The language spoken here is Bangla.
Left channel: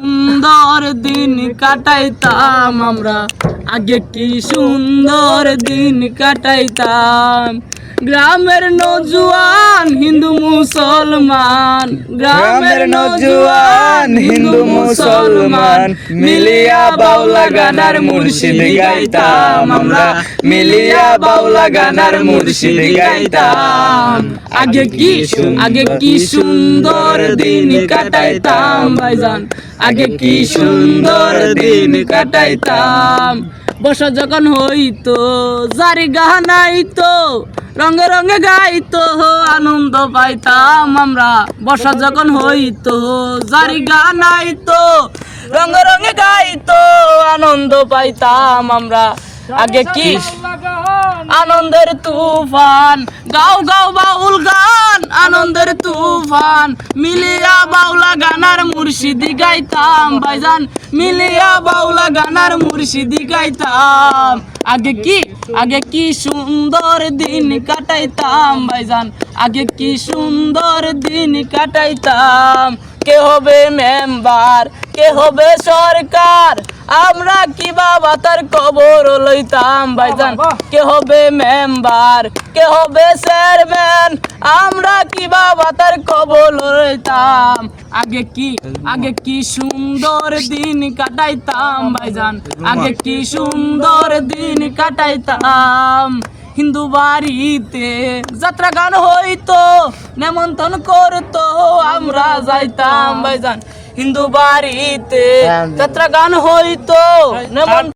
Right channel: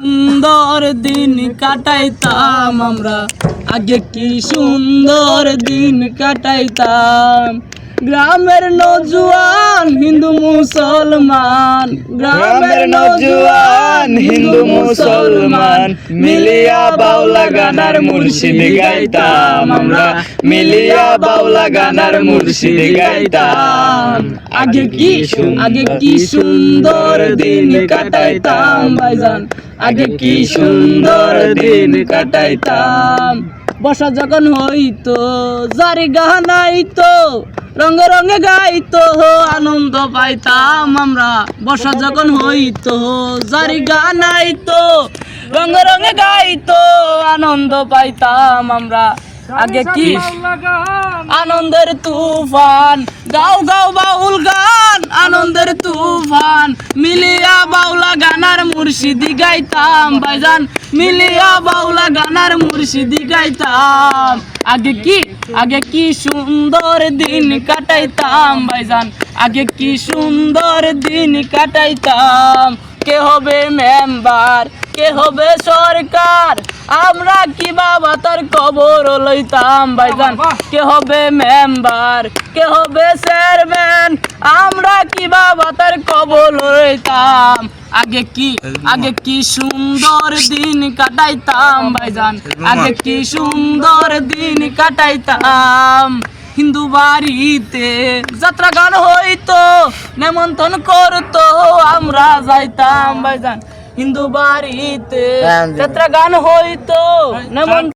সুন্দর দিন কাটাইতাম আমরা, আগে কি সুন্দর দিন কাটাইতাম। গ্রামের নওজোয়ান হিন্দু মুসলমান, গ্রামের নওজোয়ান হিন্দু মুসলমান মিলিয়া বাউলা গানার মুর্শিদ গাইতাম আমরা, মিলিয়া বাউলা গানার মুর্শিদ গাইতাম। আগে কি সুন্দর দিন কাটাইতাম ভাইজান, আগে কি সুন্দর দিন কাটাইতাম। বর্ষা যখন হইতো জারি গানাইতো, রঙে রঙে গাইতো আনন্দ পাইতাম আমরা। বর্ষা যখন হইতো জারি গানাইতো, রঙে রঙে গাইতো আনন্দ পাইতাম আমরা। আগে কি আনন্দের তুফান, গাও গাও বাউল গান আনন্দের তুফান, মিলিয়া বাউলা গানার মুর্শিদি গাইতাম ভাইজান, মিলিয়া বাউলা গানার মুর্শিদি গাইতাম। আগে কি সুন্দর দিন কাটাইতাম ভাইজান, আগে কি সুন্দর দিন কাটাইতাম। কে হবে মেম্বার, কে হবে সরকার, আমরা কি বাবা তার খবর লইতাম ভাইজান। কে হবে মেম্বার, কে হবে চেয়ারম্যান, আমরা কি বাবা তার খবর লইতাম। আগে কি সুন্দর দিন কাটাইতাম ভাইজান, আগে কি সুন্দর দিন কাটাইতাম। হিন্দু বাড়িতে যাত্রা গান হইতো, নেমন্তন্ন করতো আমরা যাইতাম ভাইজান। হিন্দু বাড়িতে যাত্রা গান হইতো,